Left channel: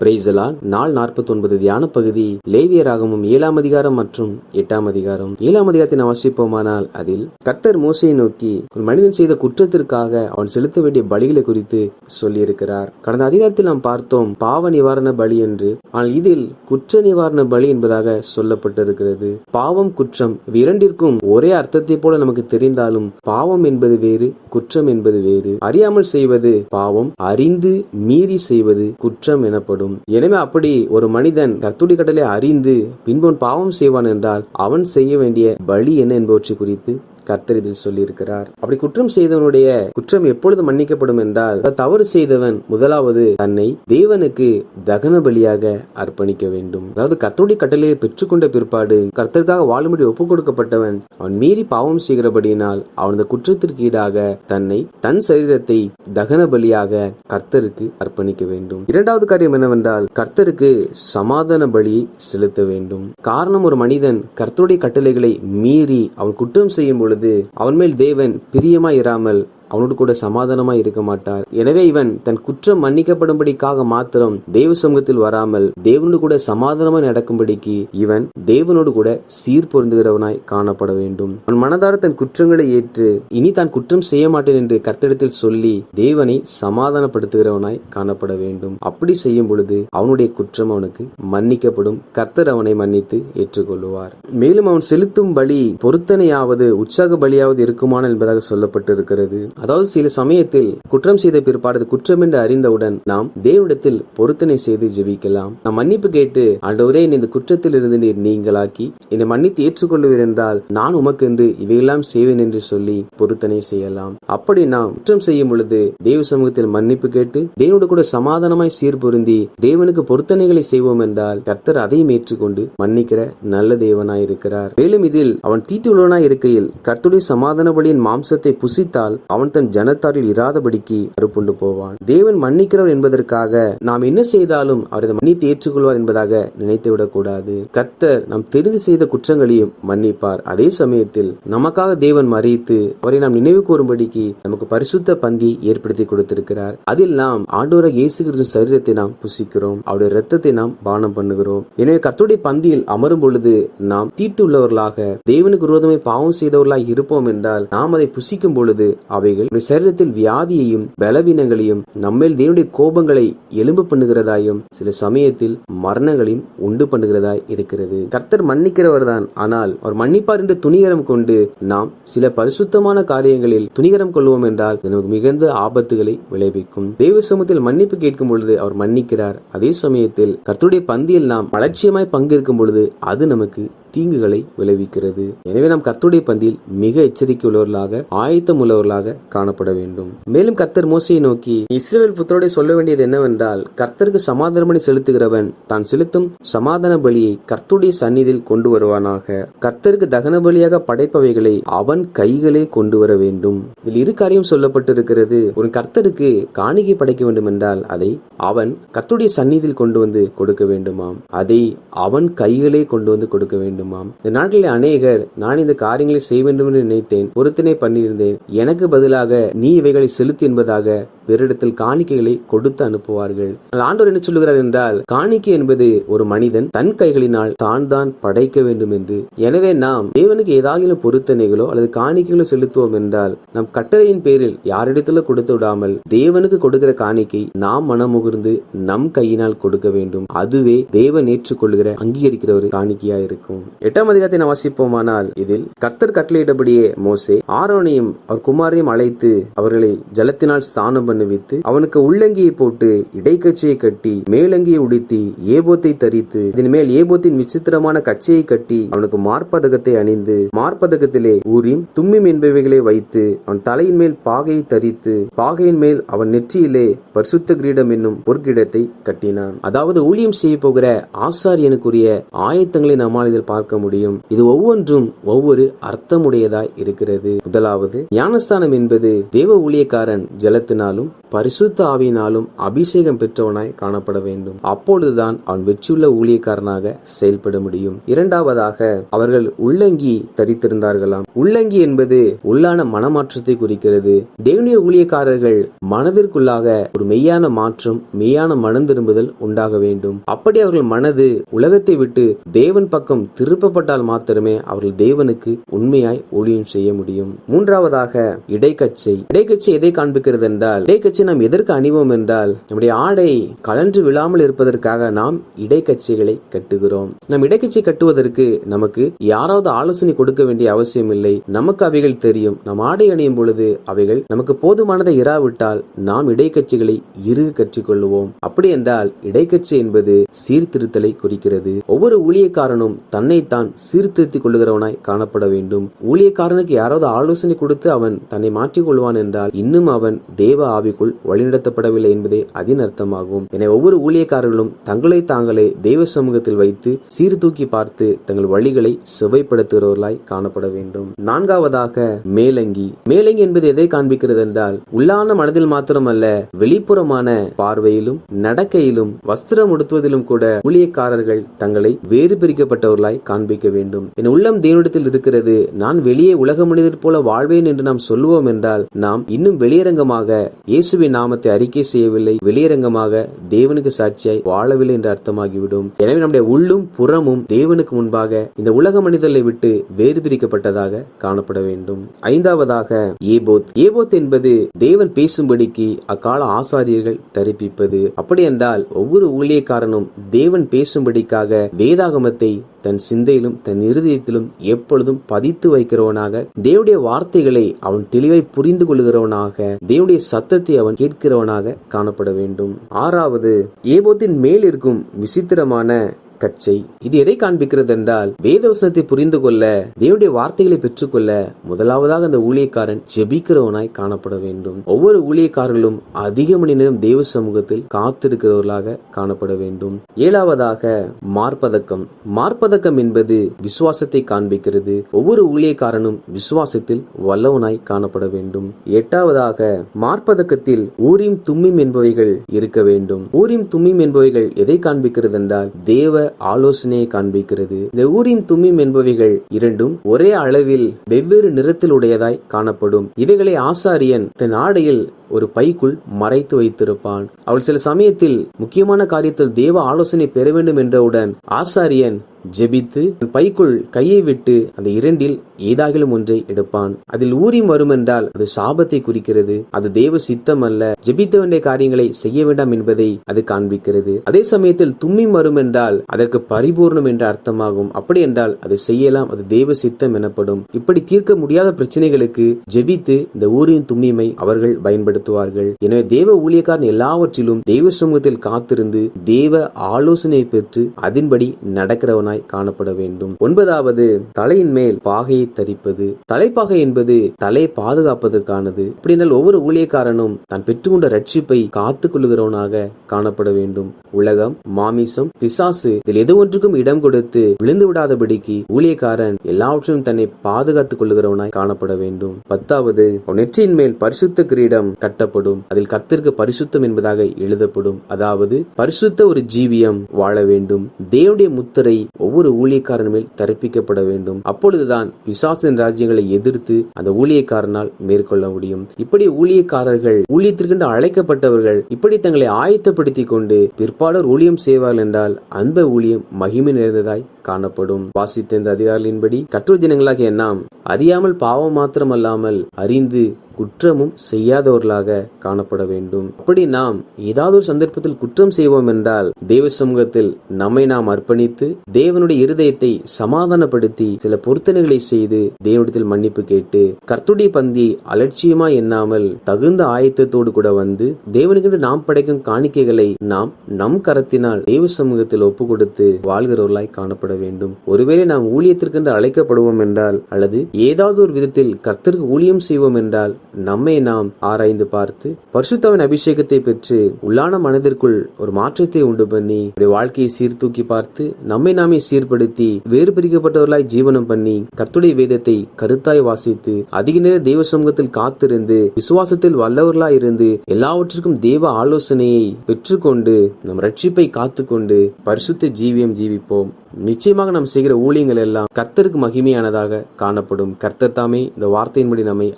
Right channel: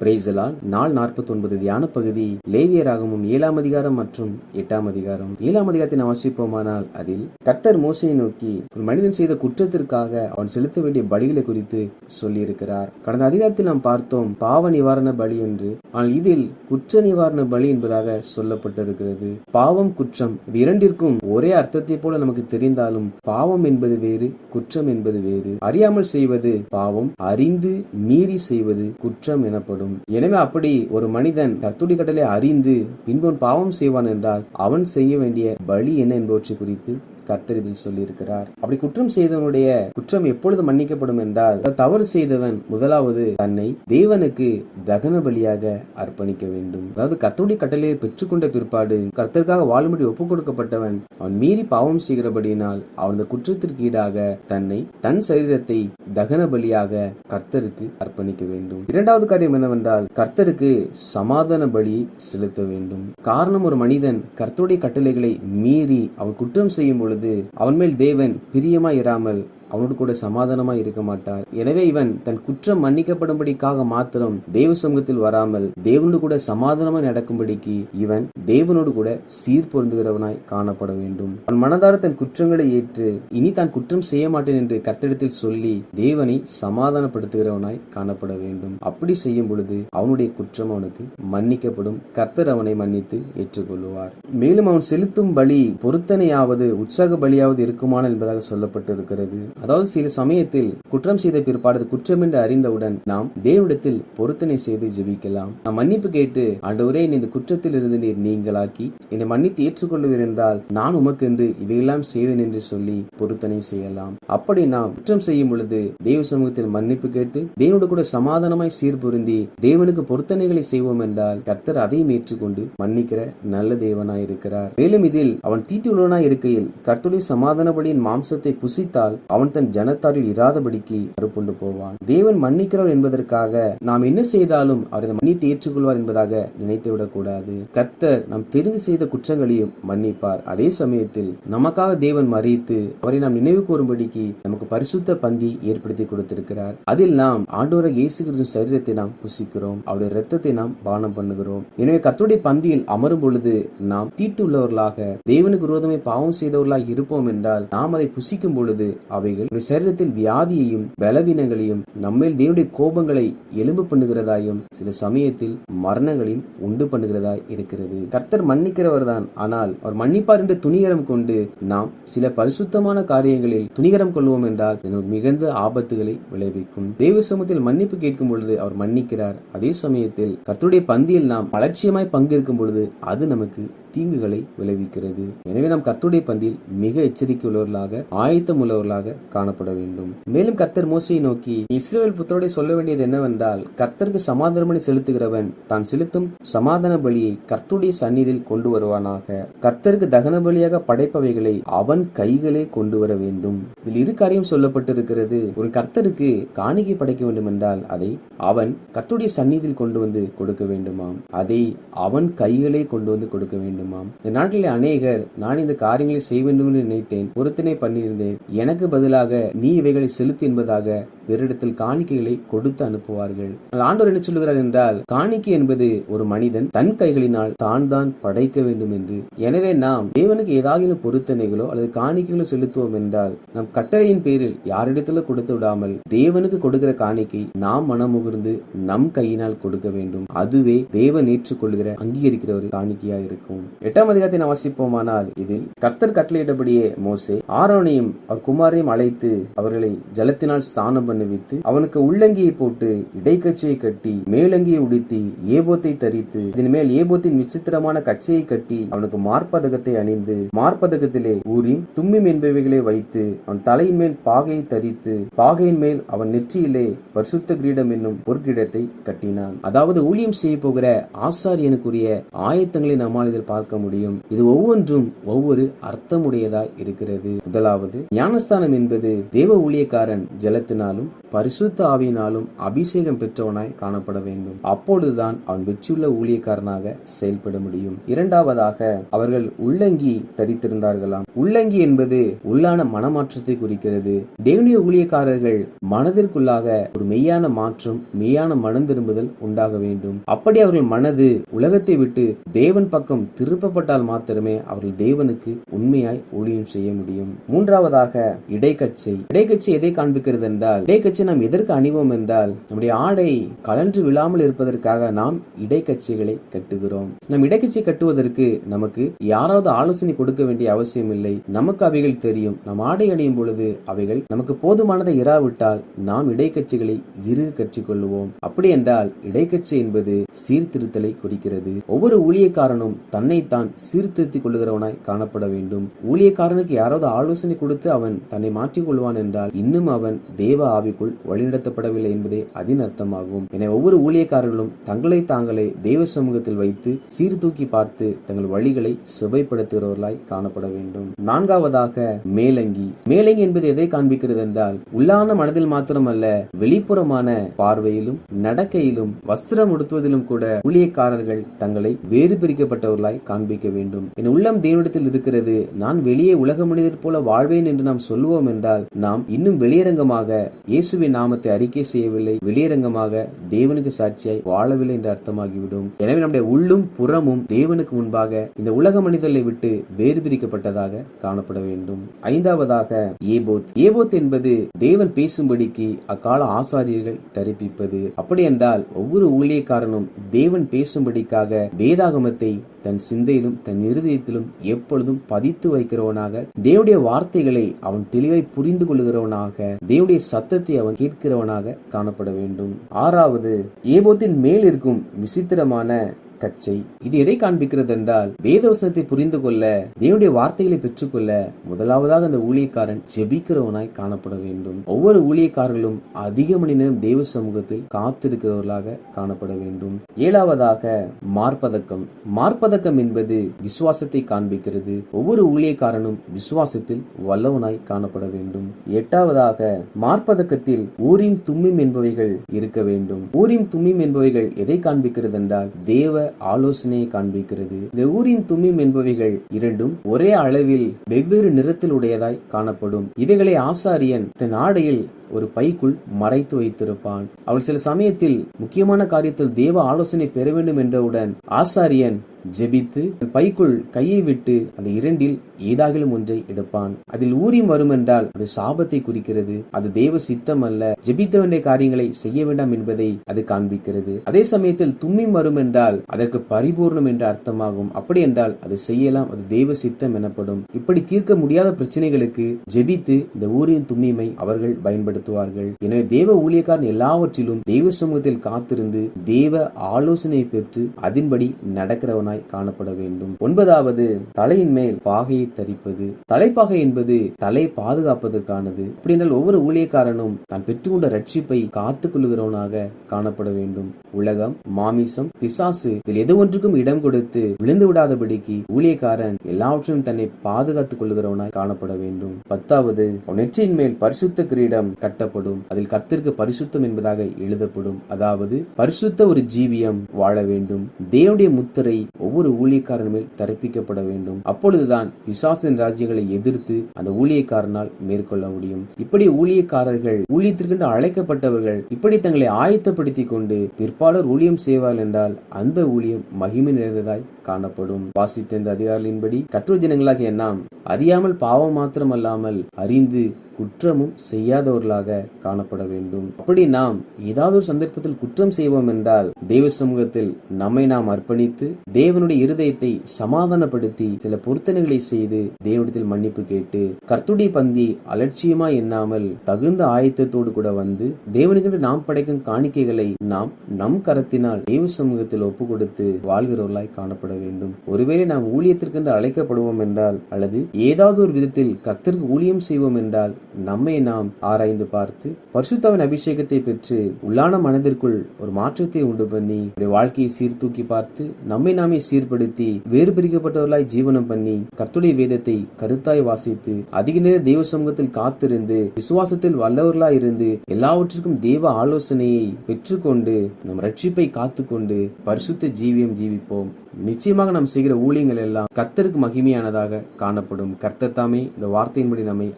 பிரேசலால் நாள் நாற்பத்தி ஒன்பது தியான பகுதி. லேவியராகமும் ஏழாம் அதிகாரம் மற்றும் எட்டாம் அதிகாரம். ஏழாம் அதிகாரத்தை அவசிப்போமானால் வாசிப்போமானால் அதில் கத்தர் மோசையை நோக்கி ஒரு மனிதன் செய்த குற்றத்திற்காக அவன் செலுத்த வேண்டிய பலிகளை குறித்து சொல்லியிருக்கிறார். கடந்த அதிகாரத்தில் நாம் பார்த்தோம் பாவ நிவாரண பலி என்று. ஆனால் இதில் குற்ற நிவாரண பலி என்பதாக சொல்லப்பட்டிருக்கிறது. பாவம் குற்றம். இரண்டிற்கும் ஒரே அர்த்தத்தை போல நமக்கு தெரிந்தாலும் பாவம் என்பது வேறு குற்றம் என்பது வேறு. அறியாமல் செய்வது பாவம் அறிந்து மீறி செய்வது குற்றம் எனப்படும். எனவே அப்படி ஒரு மனிதன் கர்த்துடி கடலை அறிந்து பின்போன் பாவம் செய்வான் என்றால் அவன் செய்ய வேண்டிய பலி என்ன என்பவற்றை குறித்து கர்த்தர் இதில் சொல்லியிருக்கிறார். அப்படி குற்றம் செய்தவனுடைய குற்றம் எப்பொழுது மன்னிக்கப்படும் என்றால் தவறு செய்தவன் முதலாவது தன்னை தேவனுக்கு தகன பலியாக அர்ப்பணிக்க வேண்டும். அதாவது கர்த்தருடைய கட்டளையை பெற்றுக்கொண்ட பிற்பாடு கர்த்தருக்காக வாழும்படி ஒப்பு கொடுக்கப்பட்டவன் அவன் மீறி பாவம் செய்கிறபடியினால் அவனது குற்றத்திற்கு ஈடாக தன்னை தன் சரீரத்தை தகன பலியாக கர்த்தருக்கு அர்ப்பணிக்க வேண்டும். இரண்டாவது காரியம் என்னவென்றால் கர்த்தருக்கு சமாதான பலி செலுத்த வேண்டும். காரணம் ஒரு மனிதன் கர்த்தருடைய கட்டளைகளை மீறி அவன் குற்றம் செய்யும் பொழுது அவன் மேல் தேவன் பிரியமாயிராமல் அவனோடு கூட சமாதானமாய் இருக்க மாட்டார். எனவே இவன் தன் குற்றம் மன்னிக்கப்படும்படிக்காக மாத்திரம் தேவ சமூகத்தில் வராமல் தேவனோடு கூட சமாதானமாய் நடக்கும்படிக்கு இவன் தேவனோடு கூட சீர் பொருந்துகிறவனாய் காணப்பட வேண்டும். அவன் மனதார தன் குற்றங்களை ஏற்று இனி தான் குற்றம் செய்ய மாட்டேன் என்று கர்த்தடத்தில் சொல்லி தேவனை சமாதானப்படுத்துகிறவனாய் காணப்பட வேண்டும். அப்படி செய்யும் பொழுது அவனுடைய குற்றம் அவனுக்கு மன்னிக்கப்படும். கர்த்தர் அவனை மன்னித்து ஏற்றுக்கொள்வார் மேலும் அவன் செலுத்தும் பலி பொருத்தனையாவது உற்சாக பலியாவது இருக்குமான என்பதாக சொல்லப்பட்டிருக்கிறது. அதாவது சில சமயத்தில் குற்றம் செய்த பிற்பாடு குற்றம் என்று அறிந்தவுடன் நாம் தேவனிடத்தில் பொருத்தனை செய்து ஜெபிக்கலாம். நாம் மன்னிப்பு கேட்டு ஆண்டவரே இந்த குற்றத்தில் இருந்து நீர் நீங்களாக்கி என்னை மன்னித்து ஏற்றுக்கொள்வீர் என்றால் நான் உமக்கென்று இவையெல்லாம் செய்வேன் என்று சொல்லி பொருத்தனை செய்யலாம். அப்படி நாம் குற்றம் செய்யும் பொழுது தேவ சமூகத்தில் மன்னிப்பு கேட்டு தேவனோடு கூட சமாதானமாய் சீர் பொருந்தி தேவனுக்கு பொருத்தனைகளை செய்வோம் என்றால் கர்த்தர் அதையும் ஏற்றுக்கொண்டு மன்னிக்கிற நல்ல தேவனாய் இருக்கிறார். மேலும் இதில் அவன் தீட்டுள்ளவனாய் இருக்கையில் கர்த்துடைய சமாதான பலியின் மாம்சத்தை புசித்தால் அவன் அவன் தன் ஜனத்தாரில் இராதபடிக்கு அறுப்புண்டு போவான். தேவன் மன்னிக்கிறவர் என்பதற்காக நாம் என்ன செய்தாலும் அவரது மன்னித்து ஏற்றுக்கொள்வார் என்பதாக நினைத்து விடக்கூடாது. கர்த்தர் நாம் தெரிந்து செய்த குற்றங்களையும் மன்னிப்பார். அதே சமயத்தில் நமக்காக தேவன் மறித்து அவரை நாம் நினைவு கூறும்படிக்கு நமக்கு பரிசுத்த பந்தி ஏற்படுத்தி கொடுத்திருக்கிறார். அதில் நாம் ஆண்டோர இயேசு கிறிஸ்து சரீரத்தை நாம் புசிக்கிறோம். அவருடைய ரத்தத்தை நாம் பானம் பண்ணுகிறோம். எனவே கர்த்தருடைய பந்தியில் அமரும் பொழுது நாம் தீட்டுள்ளவர்களாக தேவனுக்கு விரோதமே பாவம் செய்தவர்களாக இருப்போம் என்றால் நாம் அதை புசிக்கும் பொழுது அவை அவைகள் சரீரத்தில் வியாதியையும் பலவீனங்களையும் நம்மேல் தேவனுடைய கோபங்களை எலும்பு பண்ணுகிறதாயும் சில சமயத்தில் மரணங்களையும் உண்டு பண்ணுகிறதாய் இருக்கிறது. கர்த்தர் மன்னிக்கிறவர் தான் ஆனால் அவர் மன்னிப்பார் என்று துணிகரம் கொண்டு நாம் சில பரிசுத்தமான காரியங்களில் துணிகரம் கொள்வோம் என்றால் நமக்கு மிகுந்த ஆபத்துகளை விளைவிக்கும். தேவ சமூகத்தில் மன்னிப்பு கேட்கும் பொழுது அவர் மன்னிக்கிறார். அதே சமயத்தில் கர்த்தருடைய பந்தியில் நாம் அலட்சியமாய் பங்கேற்கும் பொழுது அது நமக்கு தீங்குகளை விளைவிக்கிறது. எனவே நாம் கர்த்தருடைய பந்தியில் மிக எச்சரிக்கை உள்ளவர்களாக ஆயத்தம் உள்ளவர்களாக காணப்பட வேண்டும். மேலும் கர்த்தர் மோசையை நோக்கி இஸ்ரேல் புத்தரோட சொல்ல வேண்டியது என்னவென்றால் கர்த்தருக்கு சமாதானமணி செலுத்துகிறவன் தான் செலுத்தும் சமாதான பலியை கர்த்துடைய சந்நிதியில் கொண்டு வருவானாக. கர்த்தருக்கு தகன பலியாக படைப்பவைகளை அவன் கைகளே கொண்டு வர வேண்டும். இதில் இரு காரியம் சொல்லப்பட்டிருக்கிறது. ஒரு கர்த்தருக்கு காணிக்கை படைக்க வேண்டும் என்றால் அதை அவன் கர்த்துடைய சந்நிதியில் கொண்டு வந்து கொடுக்க வேண்டுமாம். அதை அவன் கைகளே கொண்டு வந்து கொடுக்க வேண்டும். வேண்டுமாம். இந்த நாட்டிலே அநேகர் நான் இந்த காரியங்களை செய்ய வேண்டும் என்று நினைத்தேன் பொருத்தனை பண்ணியிருந்தேன். எனக்கு பதிலாக நீ இவைகளை செலுத்தி என்பதாக வேறிடத்தில் காணிக்கைகளை கொடுத்து அனுப்புவார்கள். ஆண்டவர் என்ன சொல்லுகிறார் என்றால் காணிக்கை என்பது ஒரு மனிதன் தன் கைகளினால் தான் தான் படைக்க வேண்டும் என்று. எனவே நாம் தேவனுக்கு ஏதாவது பொருத்தனைகளோ அல்லது காணிக்கைகளோ செலுத்துவோம் என்றால் நம் கட்டளையின் பேரில் யாரிடத்துல கொடுத்து விடாமல் தேவனுக்கு கொடுக்கிற காணிக்கை நாம் மனமுகிர்ந்து நம் கையினால் கொடுக்க வேண்டும். அதுவே தேவன் ஏற்றுக்கொள்கிற அங்கீகரிக்கிற ஒரு காணிக்கையா இருக்கும் எட்டாம் அதிகாரத்தை நாம் வாசிப்போமானால் இதில் கர்த்தர் கட்டளையிட்டபடியே மோசே ஆரோனையும் அவர் குமாரையும் அழைத்து அவர்களை ஜலத்தினால் ஸ்தானம் பண்ணுவித்து அவனுக்கு உள்ளங்கியை போட்டு இடைக்கச்சையை கட்டி மேலங்கியை உடுத்தி ஏபோத்தை தரித்து இதன் மேல் ஏபோத்தின் விசித்திரமான கச்சையை கட்டி அவனுக்கு மார்பதகத்தை அணிந்து மார்பதகத்திலே ஊரின் தும்மிம் என்பவைகளை வைத்து அவன் தலையின் மேல் பாகையை தரித்து பாகையின் மேல் அவன் நெற்றியிலே பரிசுத்த கிரீடம் என்னும் பொற்கிடத்தை கட்டினான். அதாவது ஊழியம் செய்ய போகிற ஆசாரியனுக்குரிய ஆயத்தங்களை நம்மால் இதில் பார்க்க முடியும். இது ஒவ்வொன்றும் ஒவ்வொரு அர்த்தமுடையதாய் இருக்கிறது. முதலாவது ஞானஸ்தானம் என்பது தேவ ஊழியக்காரன் ஜலத்தினாலும் பரிசுத்த ஆவியினாலும் அபிஷேகம் பெற்றவனாய் காணப்பட வேண்டும். அப்பொழுதுதான் அவன் வெற்றியுள்ள ஊழியக்காரனாக செயல்பட முடியும். இரண்டாவதாக அவர்கள் உள்ளங்கி தரித்திருந்தார்களாம். உள்ளங்கி என்பது உள்ளான மனமாற்றத்தை குறிக்கிறது. தேவனிய ஊழியக்காரர்கள் மனதிற்குள்ளாக ஒரு மெய்யான மாற்றம் மெய்யான மனம் திரும்புதல் உண்டாக வேண்டும். அப்படி அவர்கள் மனது உலகத்தை விட்டு தேவன் பக்கம் திருப்பப்பட்டால் மாத்திரமே அவர்கள் தேவனுக்கு உண்மையாய் ஊழியம் செய்ய முடியும். மூன்றாவதாக இடைக்கச்சை. இடைக்கச்சை எதை காண்பிக்கிறது என்றால் இடைக்கச்சை நாம் எதற்கு அணிவோம் என்றால் நம்முடைய ஆடை கலன்று விழாமல் இருப்பதற்காக நாம் இடைக்கச்சைகளை கட்டுகிறோம். நம் இடைக்கச்சை கட்டுவதற்கு நமக்கு யாராவது ஆலோசனை கொடுக்க வேண்டிய அவசியம் இல்லை. நமக்கு அவைகள் தெரியும். நம் ஆடை அணியும் பொழுது அவைகள் நமக்கு போதுமானதை இராவிட்டால் நாம் இடைக்கட்சிகளை இரு கற்றுக்கொள்வோம் அப்படி என்றால் இடைக்கட்சி என்பது சீர்திருத்தலை குறிக்கிறது. ஒவ்வொரு ஊழியக்காரனும் தன்னை தன்னைத்தான் சீர்திருத்திக் கொள்ளுகிறவனாய் காணப்பட வேண்டும். ஊழியக்காரனுக்கு யாராவது ஆலோசனை கொடுத்து அவன் தன்னை மாற்றிக் கொள்வான் என்றால் இன்னும் அவன் தேவ ஆவிக்குள் வழிநடத்தப்படவில்லை என்பதே அதன் அர்த்தமாகும் என ஒவ்வொரு ஊழியக்காரர்களும் தங்களை தாங்களே தெய்வ சமூகத்தில் வைத்து சீர்தூக்கி பார்த்து தங்கள் வழிகளை சுவைப்படுத்துகிறவர்களாய் காணப்பட வேண்டும். நான்காவதாக மேலங்கி. மேலங்கி என்பது எதை காண்பிக்கிறது என்றால் உள்ளான மனதில் மாத்திரமல்ல வெளிப்புறமான பார்வையிலும் நடக்கையிலும் வஸ்திரம் உடுத்துவதிலும் கூட ஊழியக்காரர்கள் தங்களை வேறு பிரிக்கப்பட்டவர்களாய் காண்பிக்க வேண்டும். என் உள்ளம் தேவனிடத்தில் இருக்கிறது. நான் வெளியே உலக மனிதர் போல வாழ்வேன் என்று நாம் சொல்லுவோம் என்றால் நாம் இன்னும் வெளியரங்கமாக இயேசுவின் நாமத்தை அறிக்கை செய்யவில்லை. வெளியரங்கமாக தேவனுக்கு சாட்சியாய் வாழவில்லை என்று அர்த்தமாகிவிடும். எனவே நம்முடைய உள்ளும் புறமும் தேவனுக்கு முன்பாக இந்த உலக மனிதர்களை விட்டு வேறு பிரிக்கப்பட்டதாக காணப்பட வேண்டும். ஐந்தாவதாக ஏபோத். ஏபோத் என்பது தேவன் பேசும்படிக்கு அக்கால ஆசாரியர்கள் தரிப்பிப்பது. அப்படி என்றால் ஒவ்வொரு ஊழியக்காரனும் தேவன் பேசும்படிக்காக வேதாகமத்தை தன் சிந்தையிலும் தன் இருதயத்திலும் எப்பொழுதும் பதித்து வைக்கிறவனாக தேவடைய வார்த்தைகளை அவன் தெளிவை புரிந்து கொள்கிறவனாக தேவடைய சத்தத்தை அவன் கேட்கிறவனாக காணப்பட வேண்டும். ஆறாவது ஏபோத்தின் மேல் இருக்கும் விசித்திரமான கச்சை. இது எதை காண்பிக்கிறது என்றால் வேதவசனத்தை புரிந்து கொள்ள தேவனுடைய வார்த்தைகளை பெற்றுக்கொள்ள முதலாவதாக அந்த ஊழியக்காரன் ஜெபிக்கிறவனாய் காணப்பட வேண்டும். ஒவ்வொரு ஊழியக்காரர்களும் அதிக மணி நேரம் தேவ சமூகத்தில் காத்திருக்கிறவர்களாக காணப்பட வேண்டும். ஏழாவதாக மார்பதக்கம் மார்பதக்கம் என்பது விசுவாசத்தை காண்பிக்கிறது. ஒவ்வொரு ஊழியக்காரனும் விசுவாசத்தில் வல்லவனாய் காணப்பட வேண்டும். எட்டாவதாக மார்பதக்கத்தில் ஊரின் தும்மிம் என்பவைகள் இருக்க வேண்டும். ஊரின் தும்மிம் என்பவைகள் எதை காண்பிக்கிறது என்றால் தேவ ஆலோசனையை காண்பிக்கிறது. இந்த தும்மிம் என்பவைகள் இரண்டும் ஒரே அளவில் வெவ்வேறு நிறத்தில் உடையதாய் காணப்படும். இவைகளை ஆசாரியன் தன் ஆடையில் ஒரு பைக்குள் மறைத்து வைத்திருப்பான். அவள் சில சமயத்தில் முக்கியமான காரியத்தில் தேவ ஆலோசனை பெற வேண்டும் என்றவுடன் ஆசாரியன் ஜெபித்து பைக்குள் கையை விட்டு அந்த இரண்டில் ஏதாகிலும் ஒன்றை எடுப்பான். அதில் ஊரிம் வரும் என்றால் அது சாபத்தை குறிக்கிறது. அது தேவ சித்தம் அல்ல. ஜெபித்த வேண்டிய காரியங்களை செய்ய வேண்டாம் என்பதை அது காண்பிக்கிறது. அதே சமயத்தில் தும்மிம் வரும் என்றால் அதற்கு பரிபூர்ணம் என்ற அர்த்தமாகும். அப்படி என்றால் அது செய்யலாம். அது தேவ சித்தம் எனப்படும். இப்படி தீர்க்க முடியாத பிரச்சனைகளுக்கு ஜெபித்து இந்த ஊரின் தும்மிமை அவர்கள் பயன்படுத்துவார்கள். எனவே தேவ ஊழியக்காரன் எல்லாவற்றிலும் தெய்வ சமூகத்தில் காத்திருந்து தேவ ஆலோசனை பெற்று அதன்படி நடக்கிறவனாய் காணப்பட வேண்டும். ஒன்பதாவது தலையின் மேல் பாகையை தரிப்பது. தலைப்பாகை என்பது தலை பாதுகாப்பதற்கானது. அப்படினால் ஒவ்வொரு ஊழியக்காரனும் தான் பெற்றுக்கொண்ட ரட்சிப்பை காத்துக் கொள்கிறவனாக காணப்பட வேண்டும். உலகம் மாமிசம் பிசாசு இதில் எது ஒன்றுக்கும் இடம் கொடுத்து விழுந்து விடாதபடிக்கு ஊழியக்காரன் எல்லாவற்றையும் தன்னை பாதுகாத்துக் கொள்ளுகிறவனாய் காணப்பட வேண்டும். பத்தாவது நெற்றியின் மேல் பரிசுத்த கிரீடம் கட்டப்படும். அதில் கத்திற்கு பரிசுத்தம் என்பதாக எழுதப்படும். அதாவது பரிசுத்த ஒரு ஜீவியம் வாழ வேண்டும். தேவனுடைய முத்திரை ஒவ்வொரு ஊழியக்காரன் மேல் தரப்பிக்கப்பட வேண்டும். அப்பொழுதுதான் பிசாசின் ராஜ்யங்களை எதிர்த்து அந்த ஊழியக்காரனால் மேற்கொள்ள முடியும். இப்படி ஊழியக்காரர்கள் ஊழியத்திற்கென்று அழைக்கப்பட்டவர்கள் இப்படி தங்களை ஆயத்தப்படுத்திக் கொண்டு பிற்பாளர் ஊழியம் செய்வார்கள் என்றால் அந்த ஊழியம் மகிமை நிறைந்ததாய் காணப்படும். வாசித்த இந்த அதிகாரிகளின்படி கற்றோர் ஜனங்களாகிய நாம் அறியாமல் பாவம் மாத்திரமல்லாமல் அறிந்து குற்றமும் செய்யாதவர்களாக காணப்பட வேண்டும். அப்படி நாம் ஏதாவது ஒரு சந்தர்ப்பத்தில் குற்றம் செய்வோம் என்றால் தேவ சமூகத்தில் நம்மை நாம் அர்ப்பணித்து தேவனுடைய இருதயத்தை சமாதானப்படுத்தி சில பொருத்தனைகளை செய்து தேவனிடத்தில் மன்னிப்பு கேட்டு கர்த்துடைய பந்தி அலட்சியமா எண்ணாமல் தகுந்த ஆயத்தத்தோடு கூட வந்து தேவனுக்கென்று நாம் படைக்கும் காணிக்கைகளை நாம் நம் கரத்தினால் தேவ சமூகத்தில் ஒப்பு கொடுத்து வாழ்கிறவர்களாய் காணப்பட வேண்டும். ஒருவேளை நாம் ஊழியத்திற்கென்று அழைக்கப்படுவோம் என்றால் அல்லது ஏதாவது ஒரு விதத்தில் கர்த்தருக்கு ஊழியம் செய்வோம் என்றால் நம்மை நாம் ஆராய்ந்து பார்த்து பரிசுத்தவன் அபிஷேகத்தை பெற்று உள்ளான மனதிற்குள் ஒரு மாற்றத்தை உண்டு பண்ணி நம்முடைய வாழ்க்கையை சீர்தூக்கி பார்த்து நம்மை நாமே சீர்படுத்தி வேறு பிரிக்கப்பட்டவர்களாய் ஜீவனம் பண்ணி கர்த்துடைய வேதத்தை கருத்தாய் வாசித்து அதிக நேர தெய்வ சமூகத்தில் காத்திருந்து விசுவாசத்தில் வல்லவர்களாய் இருந்து எல்லாவற்றிற்கும் தேவ ஆலோசனையை பெற்றுக்கொண்டு நம் ரட்சிப்பை காத்துக்கொண்டு பரிசுத்த ஜீவியம் ஜீவிப்போம். நிச்சயமாக நாம் செய்கிற ஊழியங்கள் எல்லாம் கர்த்தருக்கு மகிமையானதாக காணப்படும். கர்த்தர் தாமே இந்த வார்த்தையின்படி நம்மை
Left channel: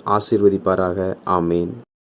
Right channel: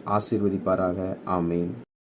ஆசீர்வதிப்பாராக ஆமேன்.